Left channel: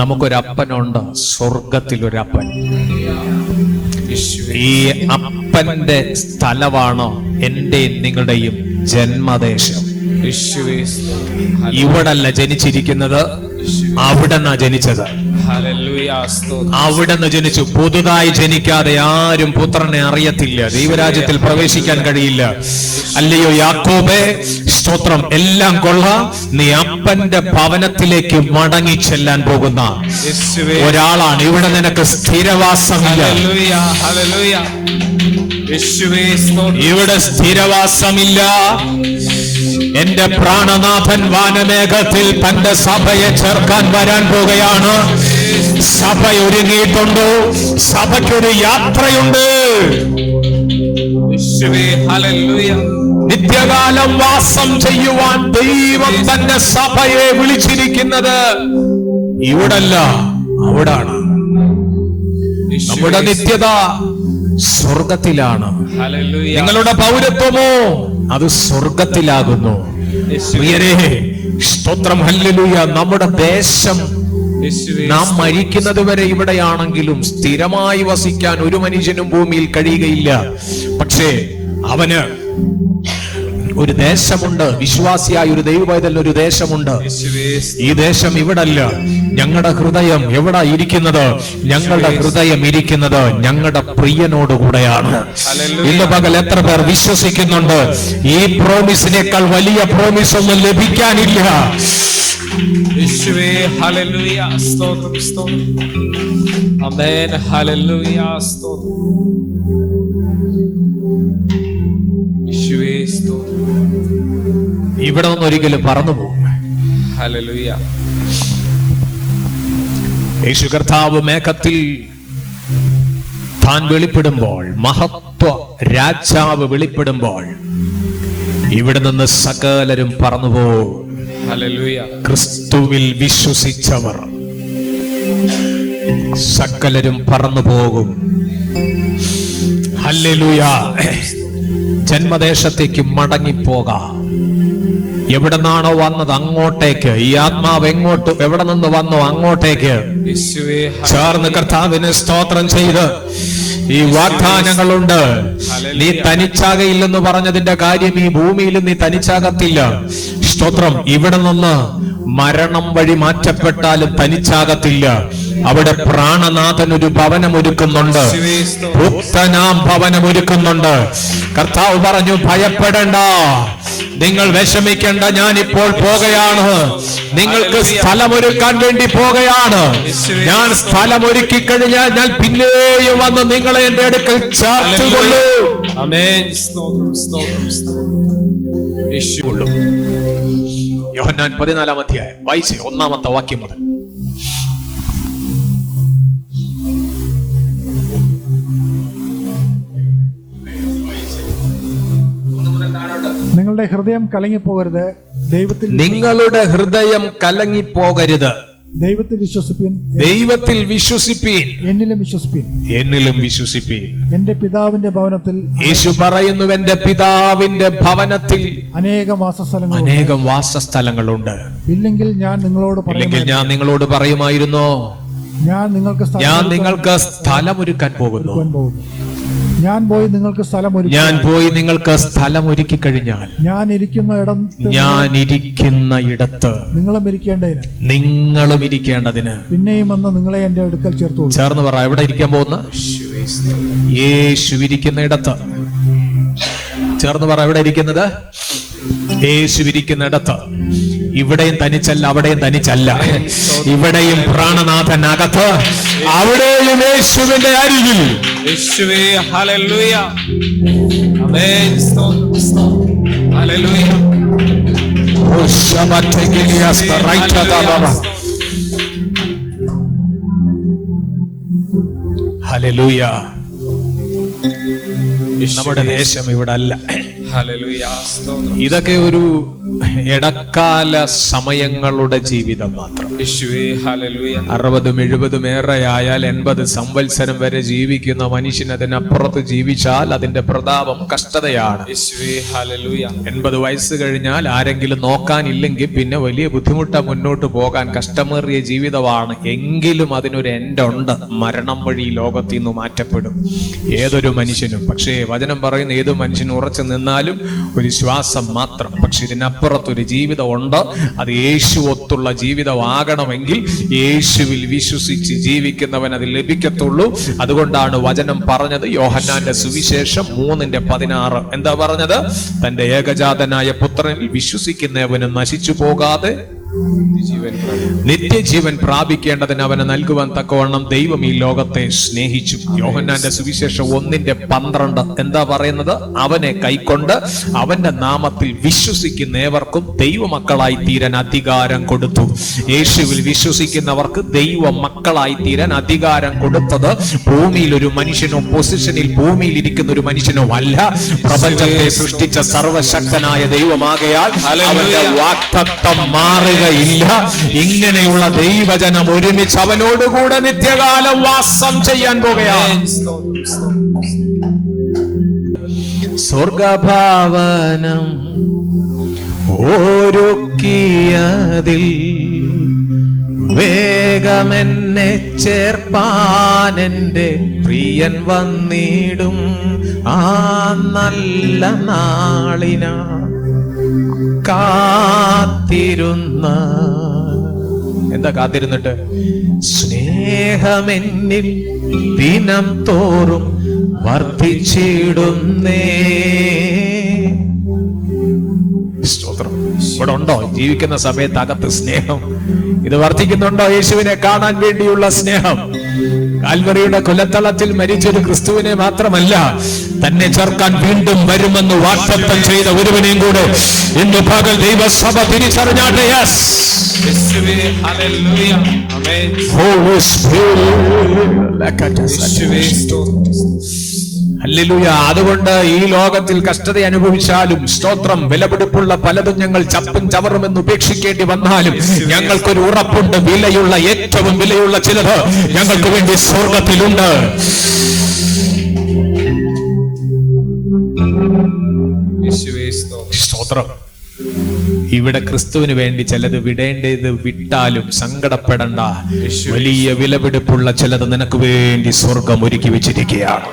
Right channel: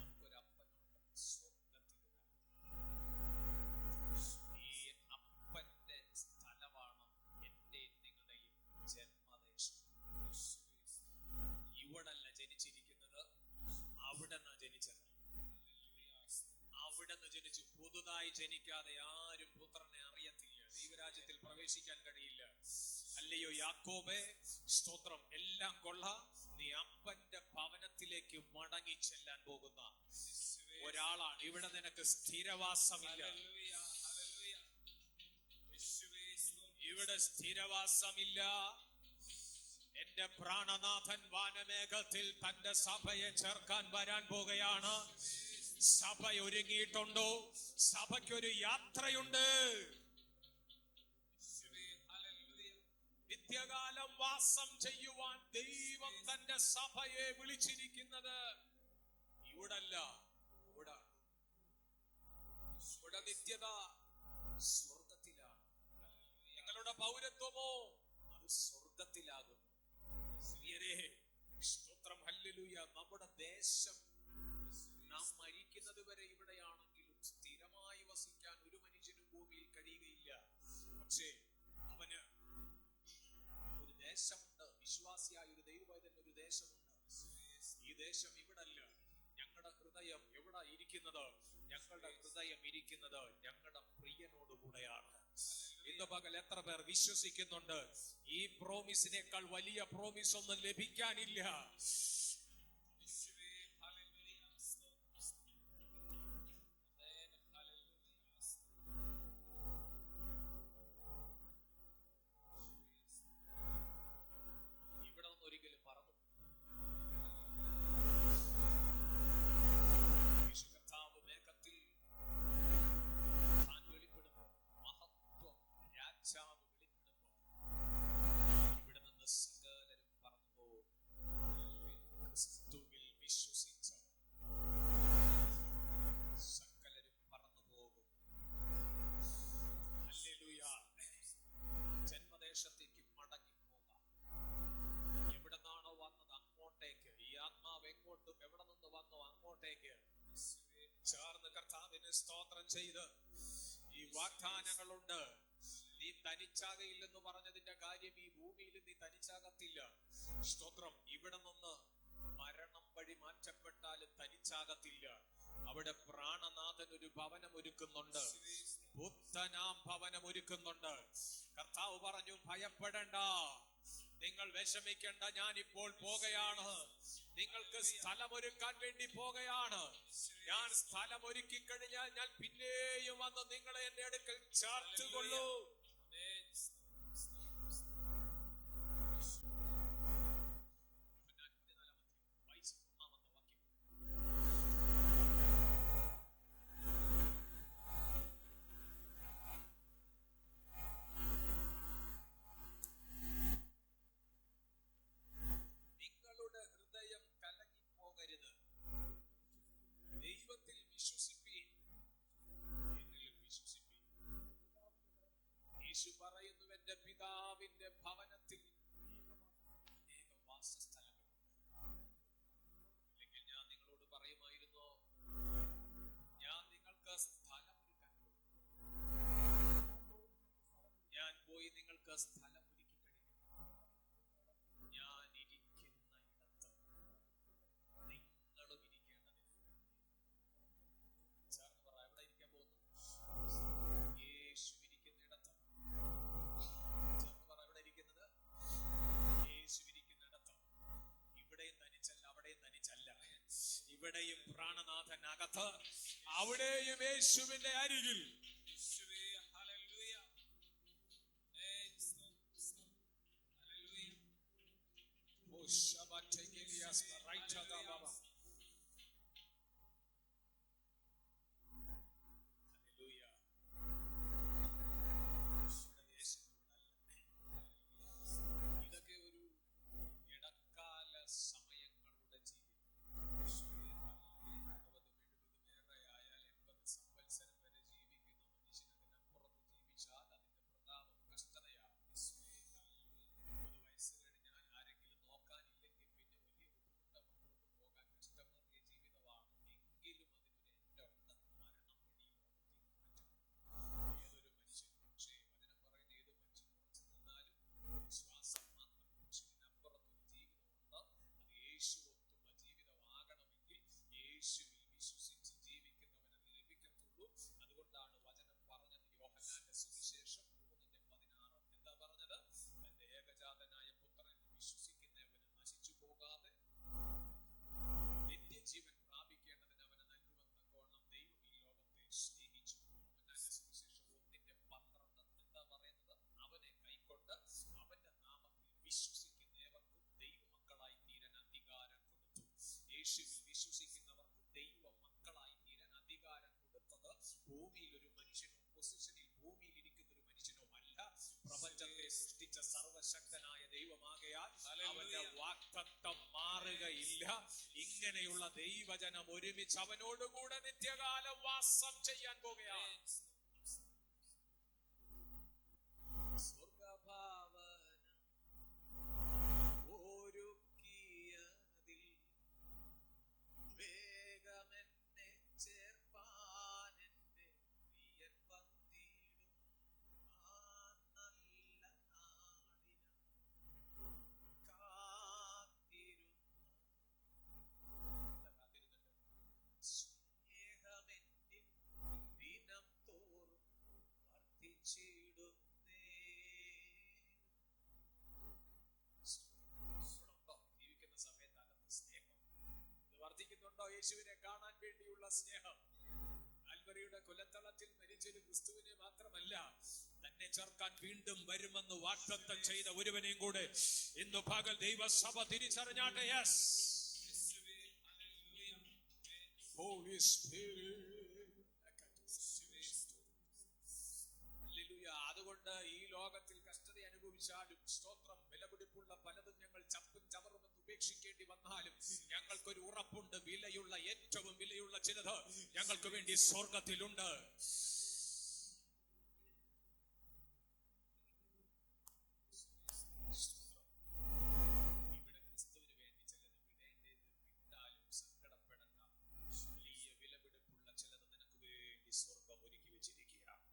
നമുക്കൊരപ്പനുണ്ട്, സ്വർഗത്തിലൊരപ്പൻ. ഈ അപ്പന്റെ സ്ഥലമാണ് എന്റെയും നിങ്ങളുടെയും ജന്മദേശം. ഇവിടല്ല ജനിച്ചിരിക്കുന്നത്, അവിടെന്നാ ജനിച്ചത്. അവിടെന്ന് ജനിച്ചു. പുതുതായി ജനിക്കാതെ ആരും പുത്രനെ അറിയത്തില്ല, ദൈവരാജ്യത്തിൽ പ്രവേശിക്കാൻ കഴിയില്ല. അല്ലയോ യാക്കോബേ, സ്തോത്രം. എല്ലാം കൊള്ളാം, നീ അപ്പന്റെ ഭവനത്തിലേക്ക് മടങ്ങി ചെല്ലാൻ പോകുന്ന ഒരാളാണ്. ഇവിടെ നിനക്ക് സ്ഥിരവാസമില്ല. ഇവിടെ സ്ഥിരവാസമില്ല. എന്റെ പ്രാണനാഥൻ വാനമേഘത്തിൽ തന്റെ സഭയെ ചേർക്കാൻ വരാൻ പോകുകയാണ്. സഭ ഒരുങ്ങിയിട്ടുണ്ട്. സഭയ്ക്കൊരു യാത്രയുണ്ട്. നിത്യകാലം വാസം ചെയ്യുവാൻ ദൈവം തന്റെ സഭയെ വിളിച്ചിരിക്കുന്നത് ഇവിടല്ല, അവിടാണ്. നമ്മുടെ നിത്യത സ്വർഗത്തിലാണ്. നിങ്ങളുടെ പൗരത്വമോ അത് സ്വർഗത്തിലാകുന്നു. പ്രിയരേ, സ്തോത്രം, ഹല്ലേലൂയ. നമ്മുടെ ദേശം, നാം മരിക്കുന്നത് വരെ ഇവിടെയാണെങ്കിലും സ്ഥിരമായി വസിക്കാൻ ഒരു മനുഷ്യനും ഭൂമിയിൽ കഴിയുകയില്ല. പക്ഷേ അവന് ഒരു ദേശമുണ്ട്. വിശ്വാസിയായ ഒരു ദൈവപൈതലിന് ഒരു ദേശമുണ്ട്. ഈ ദേശം ഇവിടല്ല. ഞങ്ങളുടെ ഹൃദയം എവിടെ ഇരിക്കുന്നത്? ഞങ്ങളുടെ ഹൃദയം ഇരിക്കുന്നത് ഞങ്ങളുടെ പ്രിയനോടുകൂടെയാണ്. ഇന്ന് പകൽ എത്ര പേർ വിശ്വസിക്കുന്നുണ്ട് ഈ പ്രോമിസിനേക്കാൾ വലിയ പ്രോമിസ് ഒന്നും ലഭിക്കാനില്ല? ഇവിടെ നിന്ന് ഒരിക്കലും പറന്നു പോകും. യേശു കർത്താവ് മേഘത്തിൽ താൻ വെളിപ്പെടുമ്പോൾ, മഹത്വ രാജാവ് വെളിപ്പെടുമ്പോൾ, ഇവിടെ നിന്ന് സകലരും പറന്നുപോകും. ക്രിസ്തുവിൽ വിശ്വസിച്ചവർ സകലരും പറന്നു പോകും. ഹല്ലേലൂയ. ജന്മദേശത്തേക്ക് മടങ്ങിപ്പോകാം. എവിടെ നിന്നാണോ വന്നത് അങ്ങോട്ടേക്ക്. ഈ ആത്മാവ് എവിടെ നിന്ന് വന്നോ അങ്ങോട്ടേക്ക് ചേർന്ന് കർത്താവിന് സ്തോത്രം ചെയ്ത് ഈ വാഗ്ദാനങ്ങളുണ്ട്. നീ തനിച്ചാകയില്ലെന്ന് പറഞ്ഞതിന്റെ കാര്യം, ഈ ഭൂമിയിൽ നീ തനിച്ചാകത്തില്ല. സ്തോത്രം. ഇവിടെ നിന്ന് മരണം വഴി മാറ്റപ്പെട്ടാലും തനിച്ചാകത്തില്ല. അവിടെ പ്രാണനാഥൻ ഒരു ഭവനം ഒരുക്കുന്നുണ്ട്. പുത്തനാം ഭവനം ഒരുക്കുന്നുണ്ട്. കർത്താവ് പറഞ്ഞു, ഭയപ്പെടേണ്ട, നിങ്ങൾ വിഷമിക്കേണ്ട, ഞാൻ ഇപ്പോൾ പോകുകയാണ്. നിങ്ങൾക്ക് സ്ഥലമൊരുക്കാൻ വേണ്ടി പോകുകയാണ്. ഞാൻ സ്ഥലമൊരുക്കി കഴിഞ്ഞാൽ ഞാൻ പിന്നെയും വന്ന് നിങ്ങളെ എന്റെ അടുക്കൽ ചേർത്തുകൊള്ളൂ. യോഹന്നാൻ 14-ാം അധ്യായം വായിച്ച് 1-ാമത്തെ വാക്യം മുതൽ. നിങ്ങളുടെ ഹൃദയം കലങ്ങിപ്പോകരുത്. നിങ്ങളുടെ ഹൃദയം കലങ്ങിപ്പോകരുത്. ദൈവത്തിൽ വിശ്വസിപ്പീൻ. ദൈവത്തിൽ വിശ്വസിപ്പീൻ. എന്നിലും വിശ്വസിപ്പീൻ. എന്നിലും വിശ്വസിപ്പീൻ. എന്റെ പിതാവിന്റെ ഭവനത്തിൽ, യേശു പറയുന്നു, എന്റെ പിതാവിന്റെ ഭവനത്തിൽ അനേകം വാസസ്ഥലങ്ങളുണ്ട്. ഇല്ലെങ്കിൽ ഞാൻ നിങ്ങളോട് പറയുമായിരുന്നു, ഞാൻ നിങ്ങൾക്ക് സ്ഥലമൊരുക്കാൻ പോകുന്നു. ഞാൻ പോയി നിങ്ങൾക്ക് സ്ഥലം ഒരുക്കി കഴിഞ്ഞാൽ ഞാൻ ഇരിക്കുന്ന ഇടത്ത് നിങ്ങളും ഇരിക്കേണ്ടതിന് പിന്നെയും വന്ന് നിങ്ങളെ എന്റെ അടുക്കൽ ചേർന്ന് പറ. എവിടെ ഇരിക്കാൻ പോകുന്ന? യേശു ഇരിക്കുന്ന ഇടത്ത്. ചേർന്ന് പറ. എവിടെ ഇരിക്കുന്നത്? യേശു ഇരിക്കുന്ന ഇടത്ത്. ഇവിടെയും തനിച്ചല്ല, അവിടെയും തനിച്ചല്ല. ഇവിടെയും പ്രാണനാഥൻ അകത്ത്, അവിടെയും യേശുവിന്റെ അരികിൽ. ഹല്ലേലൂയ. നമ്മുടെ ദേശം ഇവിടെ അല്ല. ഇതൊക്കെ ഒരു ഇടക്കാല സമയങ്ങളുടെ ജീവിതം മാത്രം. 60, 70 ഏറെയായാൽ 80 സംവത്സരം വരെ ജീവിക്കുന്ന മനുഷ്യൻ അതിനപ്പുറത്ത് ജീവിച്ചാൽ അതിന്റെ പ്രതാപം കഷ്ടതയാണ്. 80 വയസ്സ് കഴിഞ്ഞാൽ ആരെങ്കിലും നോക്കാനില്ലെങ്കിൽ പിന്നെ വലിയ ബുദ്ധിമുട്ടാ മുന്നോട്ട് പോകാൻ. കഷ്ടമേറിയ ജീവിതമാണ്. എങ്കിലും അതിനൊരു എൻഡുണ്ട്. മരണം വഴി ലോകത്തിൽ നിന്ന് മാറ്റപ്പെടും ഏതൊരു മനുഷ്യനും. പക്ഷേ വചനം പറയുന്ന ഏത് മനുഷ്യനും ഉറച്ചു നിന്നാലും ഒരു ശ്വാസം മാത്രം. പക്ഷെ ഇതിനപ്പുറത്തൊരു ജീവിതം ഉണ്ട്. അത് യേശു ഒത്തുള്ള ജീവിതമാകണമെങ്കിൽ യേശുവിൽ വിശ്വസിച്ച് ജീവിക്കുന്നവൻ അത് ലഭിക്കത്തുള്ളൂ. അതുകൊണ്ടാണ് വചനം പറഞ്ഞത്, യോഹന്നാന്റെ സുവിശേഷം 3:16. എന്താ പറഞ്ഞത്? തന്റെ ഏകജാതനായ പുത്രനിൽ വിശ്വസിക്കുന്നവന് നശിച്ചു പോകാതെ നിത്യജീവൻ പ്രാപിക്കേണ്ടതിന് അവന് നൽകുവാൻ തക്കവണ്ണം ദൈവം ഈ ലോകത്തെ സ്നേഹിച്ചു. യോഹന്നാന്റെ സുവിശേഷം 1:12 എന്താ പറയുന്നത്? അവനെ കൈക്കൊണ്ട് അവന്റെ നാമത്തിൽ വിശ്വസിക്കുന്ന ഏവർക്കും ദൈവമക്കളായി തീരാൻ അധികാരം കൊടുത്തു. യേശുവിൽ വിശ്വസിക്കുന്നവർക്ക് ദൈവ മക്കളായി തീരാൻ അധികാരം കൊടുത്തത് ഭൂമിയിൽ ഒരു മനുഷ്യനോ പൊസിഷനിൽ ഭൂമിയിൽ ഇരിക്കുന്ന ഒരു മനുഷ്യനോ അല്ല, പ്രപഞ്ചത്തെ സൃഷ്ടിച്ച സർവശക്തനായ ദൈവമാകയാൽ അവന്റെ വാഗ്ദത്തം മാറുകയില്ല. ഇങ്ങനെയുള്ള ദൈവജനം ഒരുമിച്ച് അവനോടുകൂടെ നിത്യകാലം വാസം ചെയ്യാൻ പോകുകയാണ്. സ്വർഗഭവനം ഒരുക്കിയതിൽ വേഗമെന്നെ ചേർപ്പാനെന്റെ പ്രിയൻ വന്നിടും. ആ നല്ല നാളിന കാത്തിരുന്ന. എന്താ കാത്തിരുന്നിട്ട്? സ്നേഹമെന്നിൽ ദിനം തോറും വർദ്ധിച്ചിടുന്നേ. സ്തോത്രം. ഇവിടെ ഉണ്ടോ ജീവിക്കുന്ന സമയത്ത് അകത്ത് സ്നേഹം? ഇത് വർദ്ധിക്കുന്നുണ്ടോ? യേശുവിനെ കാണാൻ വേണ്ടിയുള്ള സ്നേഹം. കാൽവറിയുടെ കൊലത്തളത്തിൽ മരിച്ചൊരു ക്രിസ്തുവിനെ മാത്രമല്ല, തന്നെ ചേർക്കാൻ വീണ്ടും വരുമെന്ന് വാഗ്ദത്തം ചെയ്ത ഒരുവനെയും കൂടെ ഇന്ന് പകൽ ദൈവസഭ തിരിച്ചറിഞ്ഞാട്ടെ. ഹല്ലേലൂയ. അതുകൊണ്ട് ഈ ലോകത്തിൽ കഷ്ടത അനുഭവിച്ചാലും സ്തോത്രം, വിലപിടിപ്പുള്ള പലതും ഞങ്ങൾ ചപ്പും ചവറുമെന്ന് ഉപേക്ഷിക്കേണ്ടി വന്നാലും ഞങ്ങൾക്കൊരു ഉറപ്പുണ്ട്. വിലയുള്ള, ഏറ്റവും വിലയുള്ള ചിലത് ഞങ്ങൾക്ക് വേണ്ടി സ്വർഗത്തിലുണ്ട്. സ്തോത്രം. ഇവിടെ ക്രിസ്തുവിന് വേണ്ടി ചിലത് വിടേണ്ടത് വിട്ടാലും സങ്കടപ്പെടണ്ട. വലിയ വിലപിടിപ്പുള്ള ചിലത് നിനക്ക് വേണ്ടി സ്വർഗം ഒരുക്കി വെച്ചിരിക്കുകയാണ്.